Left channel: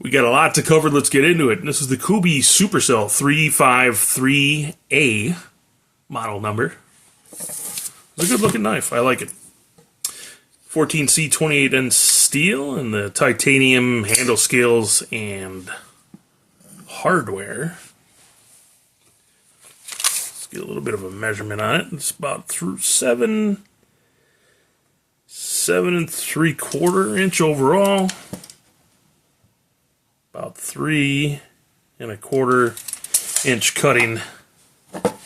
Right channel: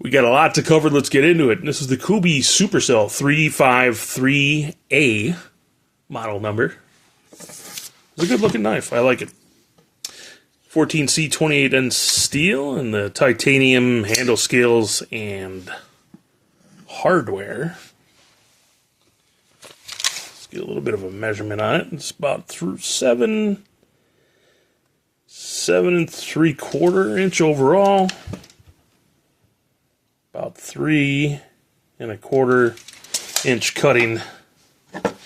We got a lot to cover. Let's get into it. This is the Kubey Supercell 353A model number. It's a good looking knife. I like it. 14C 28N steel and the titanium handle scales and hardware. Let's get a little bit of a measurement on it. It's about through 7 3/4 inch overall. About 3 1/4 inch cutting. Let's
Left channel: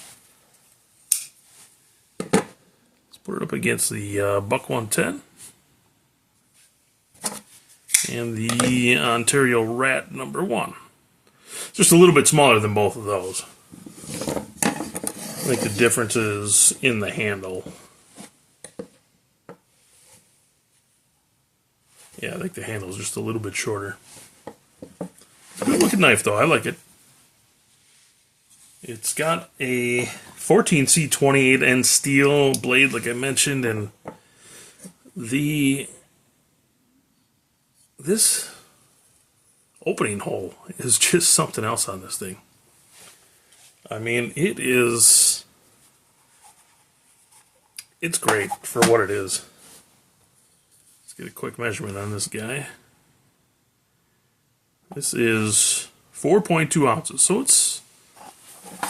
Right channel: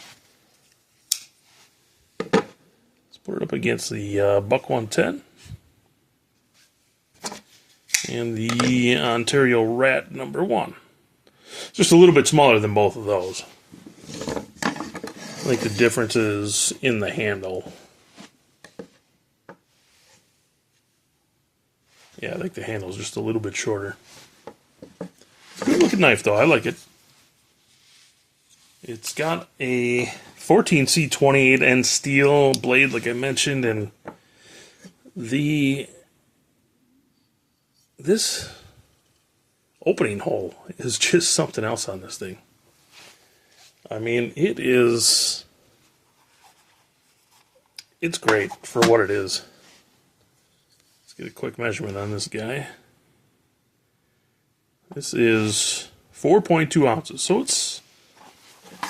put it up against the Buck 110 and the Ontario Rat number 1. Just a little bit smaller than both of those. I think the difference is in the handle. Yeah, I think the handle is just a little bit shorter. Good looking knife though, I like it. It's got a 14C 28N steel blade like I mentioned, and this opening hole is just something else on this thing. I mean, it's great for what it is. Let's get a quick measurement on this guy. This is 4.2 ounces, so it's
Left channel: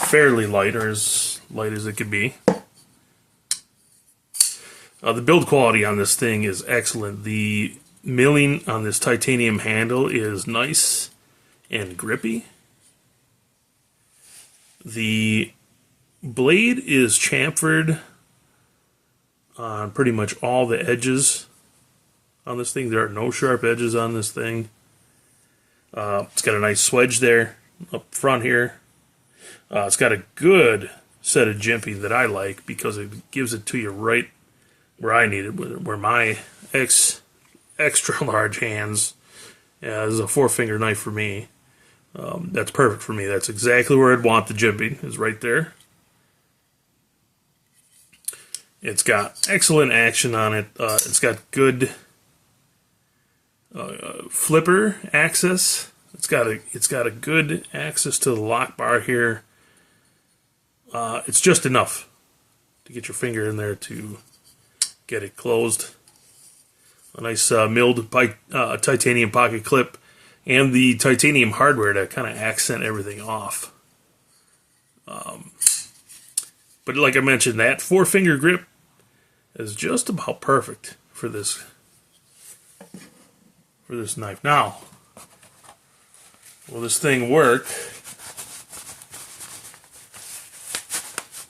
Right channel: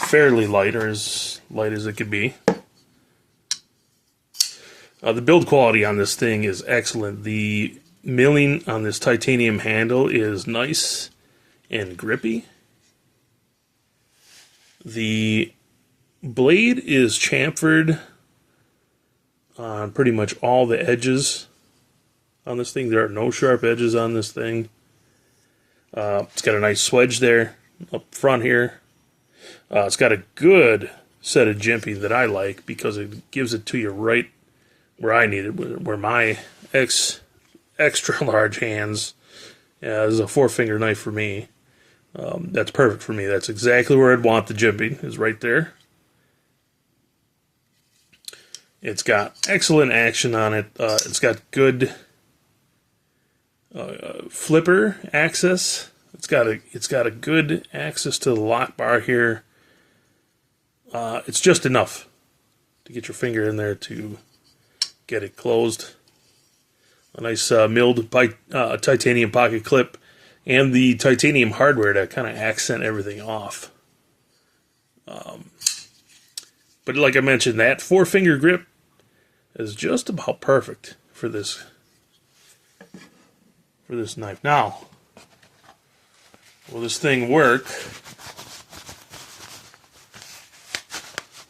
fairly light, or as light as it could be. The build quality on this thing is excellent. The milling on this titanium handle is nice and grippy. The blade is chamfered on pretty much all the edges on this thing. There are no sharp edges on this thing. It's got a nice swedge there up front here. It's got a good set of jimping that I like because it gives it to you right where I need it, where my extra large hands. Yeah, this is a 4-finger knife for me. That's perfect for me. That's exactly where I'd want the jimping, is right there. It's got excellent action on it. It's got good flipper access. It's got a good access to the lock bar here. It's just enough to get your finger in there to get it closed. A nice milled titanium pocket clip and the titanium hardware to kind of accent everything off. But like I mentioned, that 4-finger grip is just about perfect for this knife. Now, will this thing work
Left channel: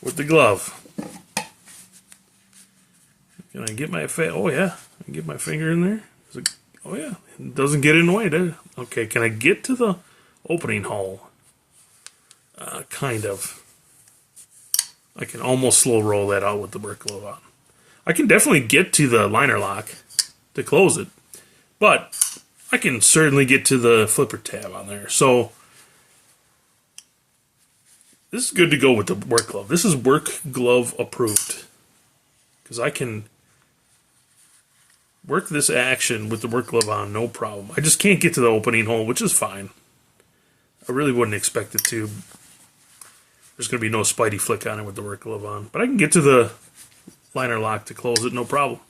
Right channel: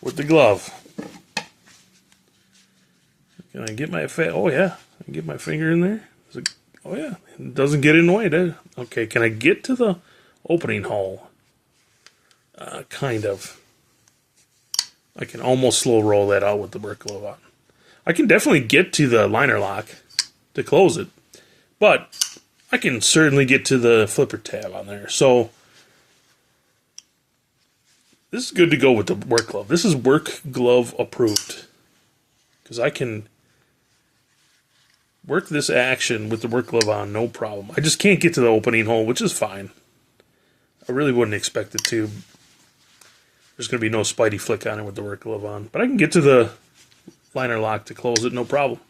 with the glove? Can I get my oh yeah, I can get my finger in there. Oh yeah, it doesn't get in the way, does it? Okay, can I get to the opening hole? Kind of. I can almost slow roll that out with the work glove on. I can definitely get to the liner lock to close it, but I can certainly get to the flipper tab on there. So this is good to go with the work glove. This is work glove approved, because I can work this action with the work glove on, no problem. I just can't get to the opening hole, which is fine. I really wouldn't expect it to. There's going to be no spidey flick on it with the work glove on. But I can get to the liner lock to close it, no problem.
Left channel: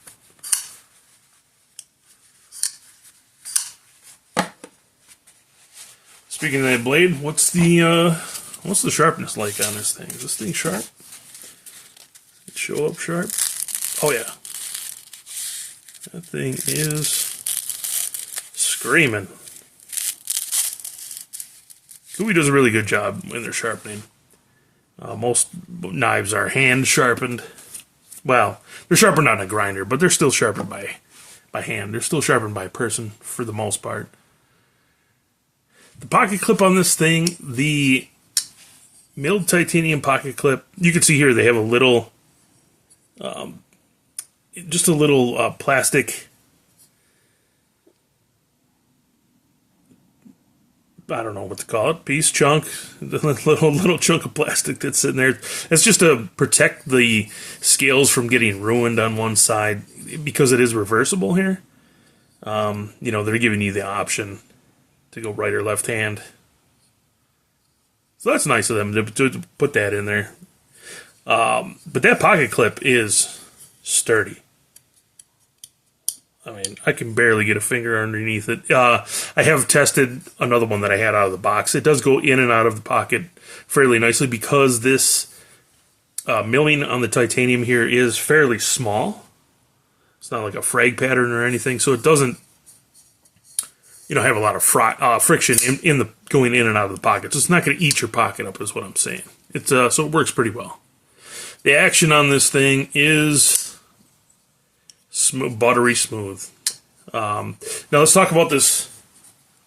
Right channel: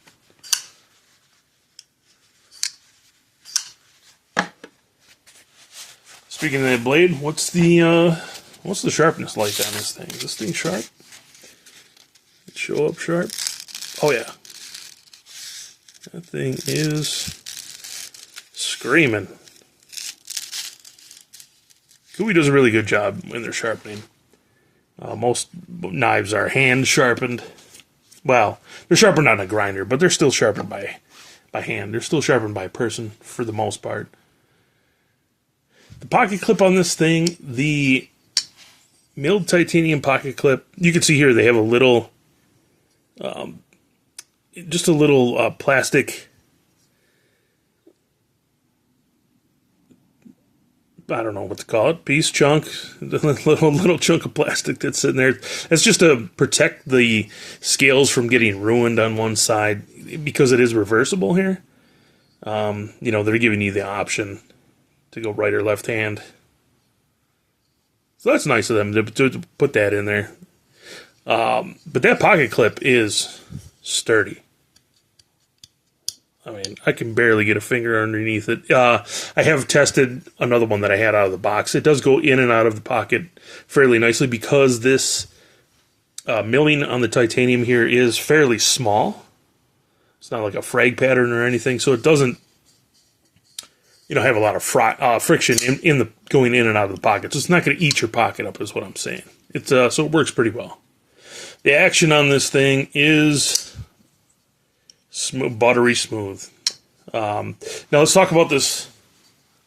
Speaking of that blade, what's the sharpness like on this thing? Is this thing sharp? It show up sharp? Oh yeah. That thing is screaming. Kubey does a really good job in their sharpening. Most knives are hand sharpened. Well, they're sharpened on a grinder, but they're still sharpened by hand. They're still sharpened by a person for the most part. The pocket clip on this thing, the milled titanium pocket clip, you can see here they have a little, just a little plastic, I don't know what to call it, piece, chunk, little chunk of plastic that's sitting there. It's just to protect the scales from getting ruined on one side, because it is reversible here. You know, they're giving you the option to go right or left hand. So that's nice of them to put that in there. But that pocket clip is sturdy. I mean, I can barely get a finger underneath it. I have tested another one that I had out of the box. It does go in and out of the pocket fairly nicely because this milling on the titanium here is fairly small. It's not like a frag pattern or anything, so it doesn't, have a lot of friction in the going in and out of the pocket. So it's not going to eat your pocket up, is what I'm saying. So it works pretty well. The action on this thing is smooth, buttery smooth. Now let's talk about this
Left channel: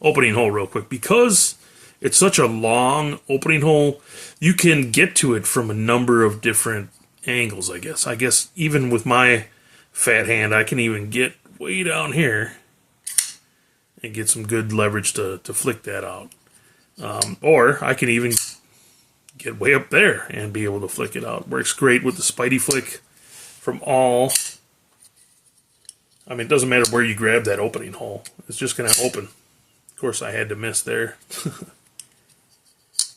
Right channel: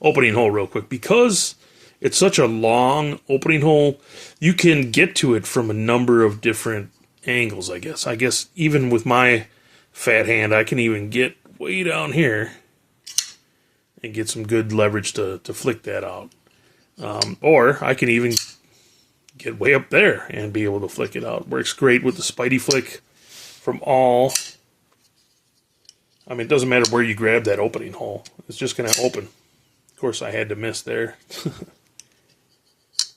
opening hole real quick. Because it's such a long opening hole, you can get to it from a number of different angles, I guess. I guess even with my fat hand, I can even get way down here and get some good leverage to flick that out. Or I can even get way up there and be able to flick it out. Works great with the Spidey flick from all. I mean, it doesn't matter where you grab that opening hole. It's just going to open. Of course, I had to miss there.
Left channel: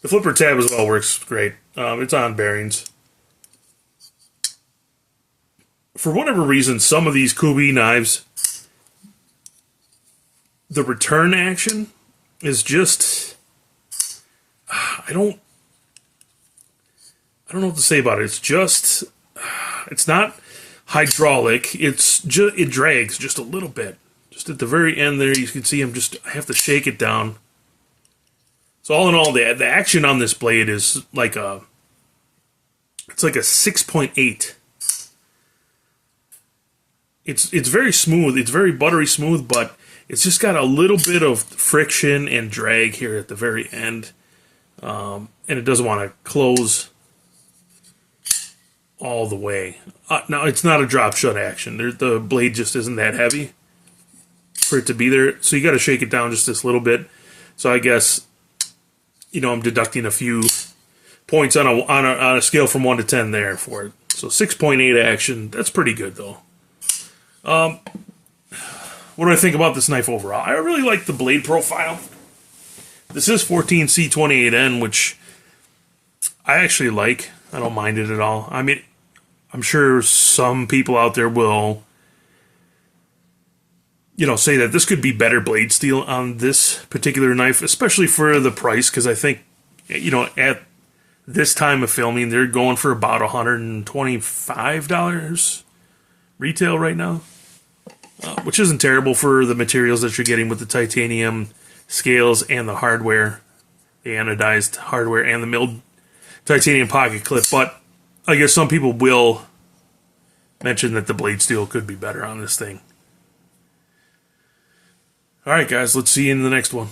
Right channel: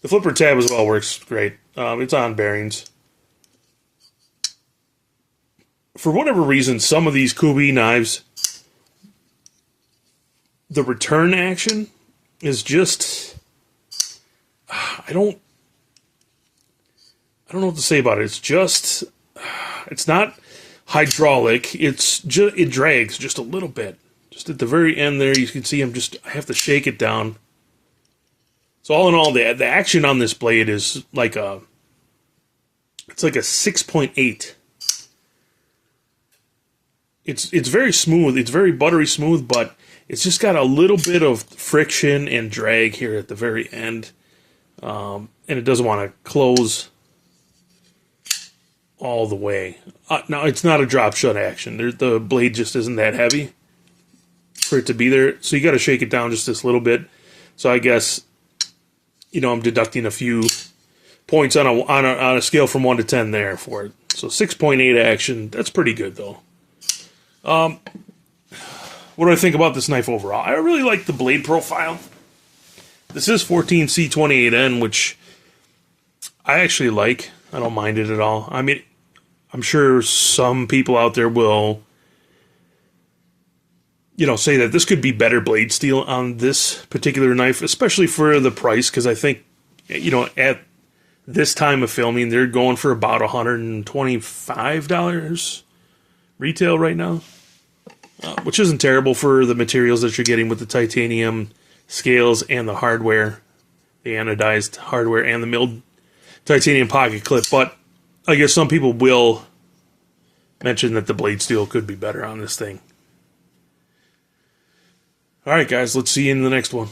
The flipper tab as well works great. It's on bearings. For whatever reason, some of these Kubey knives, the return action is just, I don't know what to say about it. It's just, it's not hydraulic. It's just, it drags just a little bit. Just at the very end there, you can see I have to shake it down. So all in all, the action on this blade is like it's like a 6.8. It's very smooth. It's very buttery smooth, but it's just got a little bit of friction and drag here at the very end. And it doesn't want to close all the way. Now, it's not a drop shut action. The blade just isn't that heavy for it to be there. So you got to shake it down just this little bit. So I guess, I'm deducting a few points on a scale from 1 to 10 there for it. So 6.8 action. That's pretty good, though. What do I think about this knife overall? I really like the blade profile. This is 14C28N, which I actually like. I don't mind it at all. I mean, I'm sure some people out there will, say that this could be better blade steel on this particular knife, especially for the price, because I think, at this time of filming, they're going for about $125 retail right now, which isn't terrible for the materials that you're getting with the titanium scales and the hardware, the anodized hardware and the milled titanium pocket clip. But I guess some people will mention that the blade steel could be better on this thing. All right, guys, let's see you in the next one.